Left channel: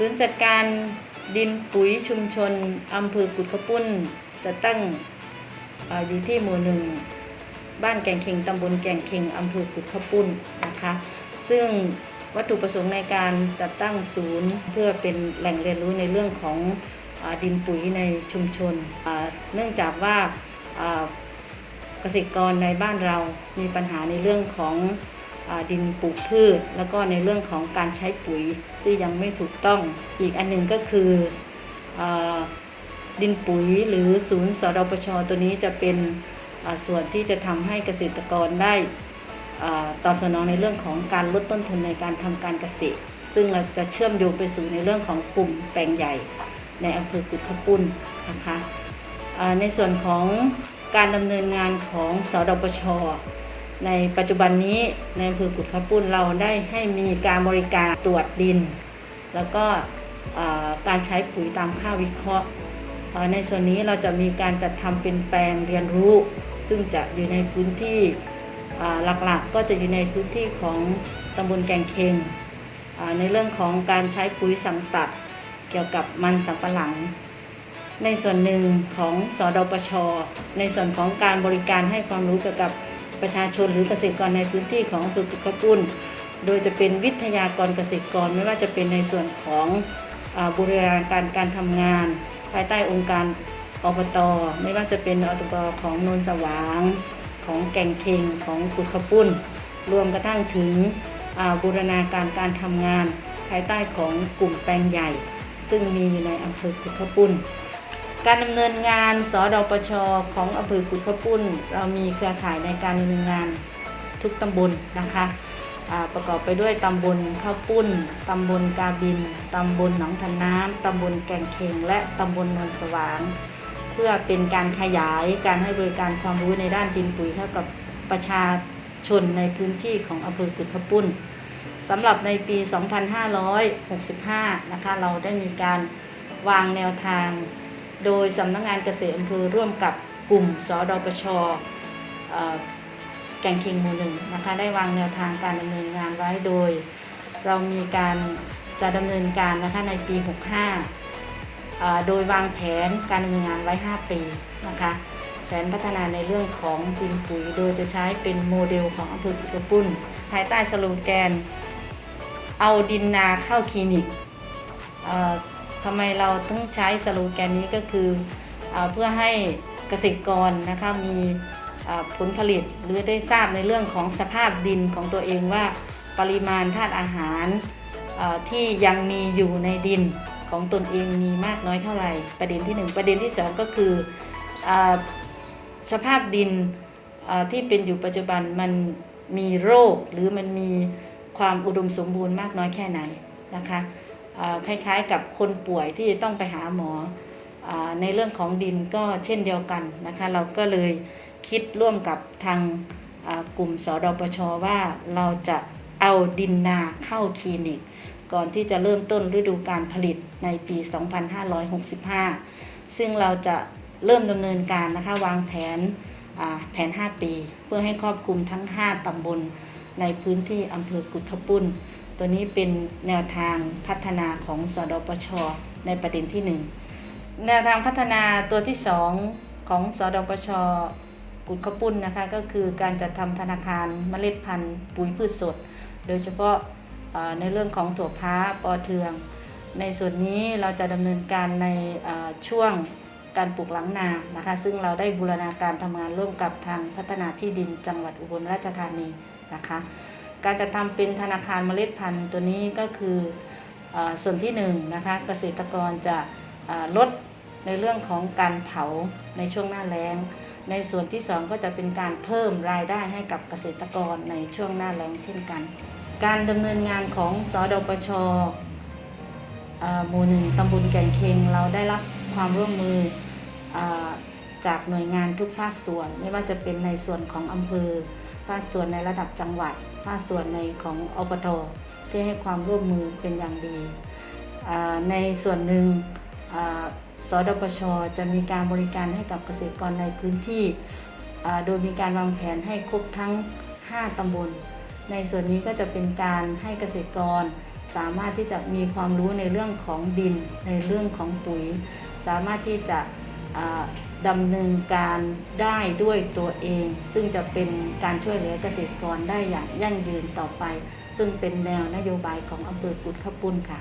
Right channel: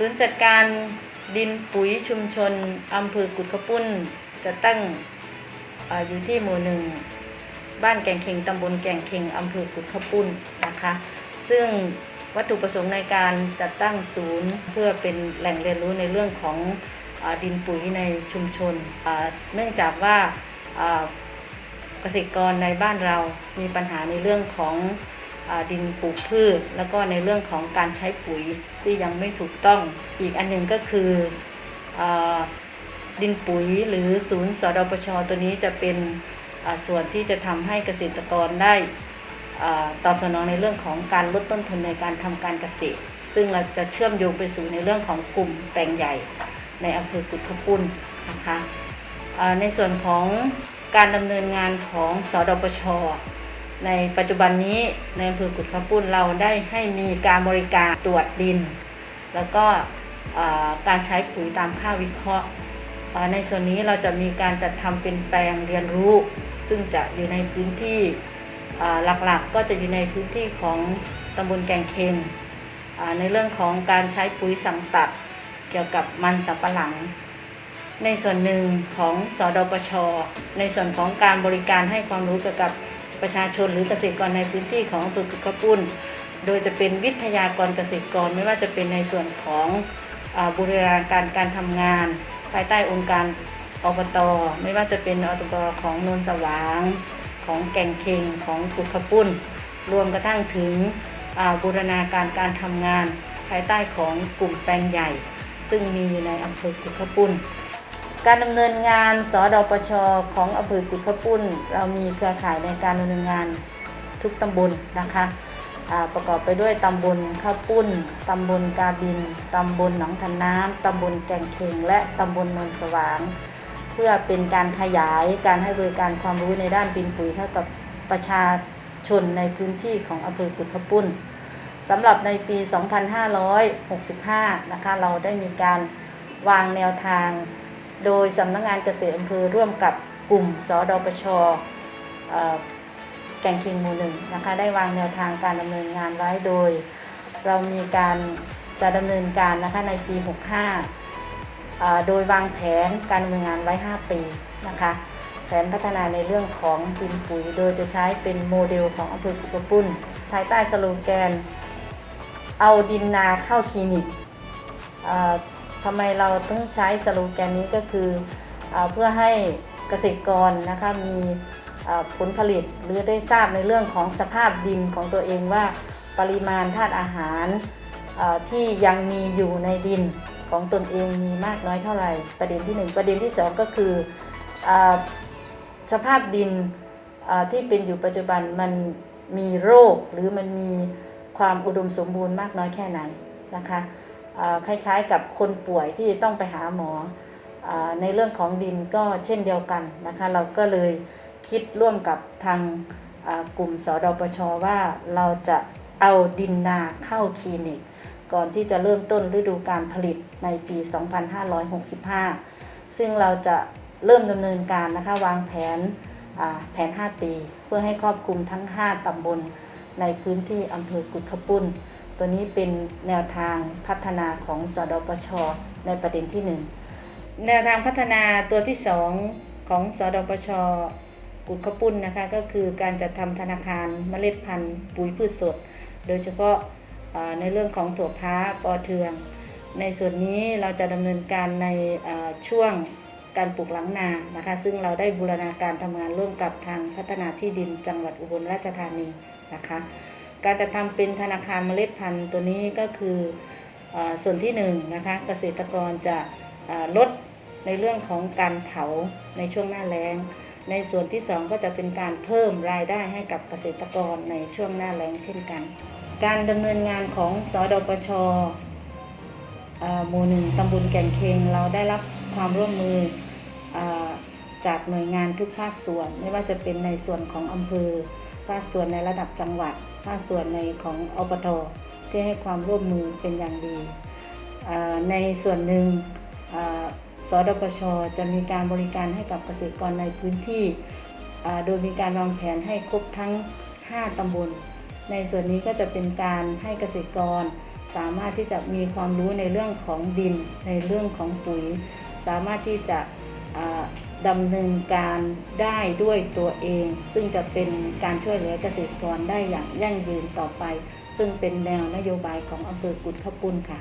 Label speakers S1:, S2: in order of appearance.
S1: ศูนย์จัดการดินปุ๋ยชุมชนอำเภอกุดขปุ้นจะตั้งออยู่ที่หมู่หนึ่งบ้านแก่งเข่งตำบลแก่งเข่งอำเภอกุดขปุ้นนะคะ ซึ่งวัตถุประสงค์ในการจัดตั้งศูนย์เพื่อเป็นแหล่งเรียนรู้ในเรื่องของอดินปุ๋ยในชุมชน เนื่องจากว่าเกษตรกรในบ้านเรามีปัญหาในเรื่องของ ดินปลูกพืช แล้วก็ในเรื่องของการใช้ปุ๋ยที่ยังไม่ถูกต้อง อีกอันหนึ่งก็คืออดินปุ๋ยหรือศูนย์สดปชตัวนี้จะเป็นส่วนที่จะทำให้เกษตรกรได้ตอบสนองในเรื่องของการลดต้นทุนในการทำการเกษตร ซึ่งเราจะเชื่อมโยงไปสู่ในเรื่องของกลุ่มแปลงใหญ่ในอำเภอกุดขปุ้นนะคะในส่วนของการดำเนินงานของสดปช ในปัจจุบันนี้ในอำเภอกุดขปุ้นเราได้ให้มีการบริการตรวจดิน แล้วก็การใช้ปุ๋ยตามค่าวิเคราะห์ ในส่วนนี้เราจะมีการจัดทำเป็นแปลงเรียนรู้ ซึ่งจะอยู่ในพื้นที่หลักๆก็จะอยู่ในพื้นที่ของตำบลแก่งเคงในเรื่องของการใช้ปุ๋ยสังตัดเกี่ยวกับมันสำปะหลัง ในส่วนหนึ่งของสอดปชในส่วนของการบริการให้ความรู้เกี่ยวกับ ประชาชนหรือเกษตรกรในพื้นที่ของอำเภอกุดขปุ้นโดยจะเป็นวิทยากรเกษตรกรไม่ว่าจะเป็นในส่วนของอบูรณาการการทำงาน ภายใต้องค์การอบตไม่ว่าจะเป็นอบตของนนสว่าง ของแก่งเค็งของกุดขปุ้นรวมกระทั่งถึงบูรณาการการทำงาน ภายใต้ของกลุ่มแปลงใหญ่ ซึ่งมีอยู่ในอำเภอกุขปุ้น การดำเนินงานสดปชของอำเภอกุดขปุ้น เรามีเครือข่ายในการดำเนินงานทุกตำบลนะคะประกอบไปด้วยตำบลข้าวปุ้น ตำบลกาบิน ตำบลหนองทันน้ำ ตำบลแก่งเค็ง และตำบลนนสว่าง เพื่อเป็นการขยายการให้บริการความรู้ในด้านดินปุ๋ยให้กับประชาชนในพื้นที่ของอำเภอกุดขปุ้นสำหรับในปี 2565 นะคะ เราได้มีการวางแนวทาง โดยสำนักงานเกษตรอำเภอร่วมกับกลุ่มสดปชแก่งเคียงหมู่หนึ่งนะคะได้วางแนวทางการดำเนินงานไว้โดย เรามีการจะดำเนินการนะคะในปี 65 โดยวางแผนการดำเนินงานไว้ 5 ปีนะคะแผนพัฒนาในเรื่องของดินปุ๋ยโดยจะใช้เป็นโมเดลของอำเภอกุกระปุ้นภายใต้สโลแกน เอาดินนาเข้าคลินิก ทำไมเราต้องใช้สโลแกนนี้ก็คืออเพื่อให้เกษตรกรนะคะมีผลผลิตหรือได้ทราบในเรื่องของสภาพดินของตัวเองว่าปริมาณธาตุอาหารที่ยังมีอยู่ในดินของตนเองมีมากน้อยเท่าไหร่ ประเด็นที่หนึ่งประเด็นที่สองก็คืออสภาพดินที่เป็นอยู่ปัจจุบันมันมีโรคหรือมันมีความอุดมสมบูรณ์มากน้อยแค่ไหนนะคะ คล้ายๆกับคนป่วยที่ต้องไปหาหมออในเรื่องของดินก็เช่นเดียวกันนะคะ เราก็เลยคิดร่วมกับทางกลุ่มสดปชว่าเราจะเอาดินนาเข้าคลินิก ก่อนที่จะเริ่มต้นฤดูการผลิตในปี 2565 ซึ่งเราจะเริ่มดำเนินการนะคะวางแผนแผน 5 ปี เพื่อให้ครอบคลุมทั้ง 5ตำบลในพื้นที่อำเภอกุดขปุ้น ตัวนี้เป็นแนวทางพัฒนาของสดปช ในประเด็นที่ 1 แนวทางพัฒนาตัวที่ 2 ของสดปชกุดขปุ้นนะคะก็คือการจัดทำธนาคารเมล็ดพันธุ์ปุ๋ยพืชสด โดยเฉพาะาในเรื่องของถั่วพ้าปอเทือง ในส่วนนี้เราจะดำเนินการในช่วงการปลูกหลังนานะคะ ซึ่งเราได้บูรณาการทำงานร่วมกับทางพัฒนาที่ดินจังหวัดอุบลราชธานีนะคะ การจะทำเป็นธนาคารเมล็ดพันธุ์ตัวนี้ก็คืออส่วนที่หนึ่งนะคะเกษตรกรจะลดในเรื่องของการเผาในช่วงหน้าแล้ง ในส่วนที่สองก็จะเป็นการเพิ่มรายได้ให้กับเกษตรกรในช่วงหน้าแล้งเช่นกัน การดำเนินงานของสอดปชหมู่หนึ่งตำบลแก่งเคงเราได้รับความร่วมมืออจากหน่วยงานทุกภาคส่วน ไม่ว่าจะเป็นในส่วนของอำเภอภาคส่วนในระดับจังหวัด ภาคส่วนในของอบตที่ให้ความร่วมมือเป็นอย่างดี ในส่วนหนึ่งสดปชจะมีการบริการให้กับเกษตรกรในพื้นที่ โดยมีการวางแผนให้ครบทั้ง 5 ตำบล ในส่วนนี้ก็จะเป็นการให้เกษตรกร สามารถที่จะมีความรู้ในเรื่องของดิน ในเรื่องของปุ๋ย สามารถที่จะ ดำเนินการได้ด้วยตัวเอง ซึ่งจะเป็นการช่วยเหลือเกษตรกรได้อย่างยั่งยืนต่อไป ซึ่งเป็นแนวนโยบายของอำเภอกุดขปุนค่ะ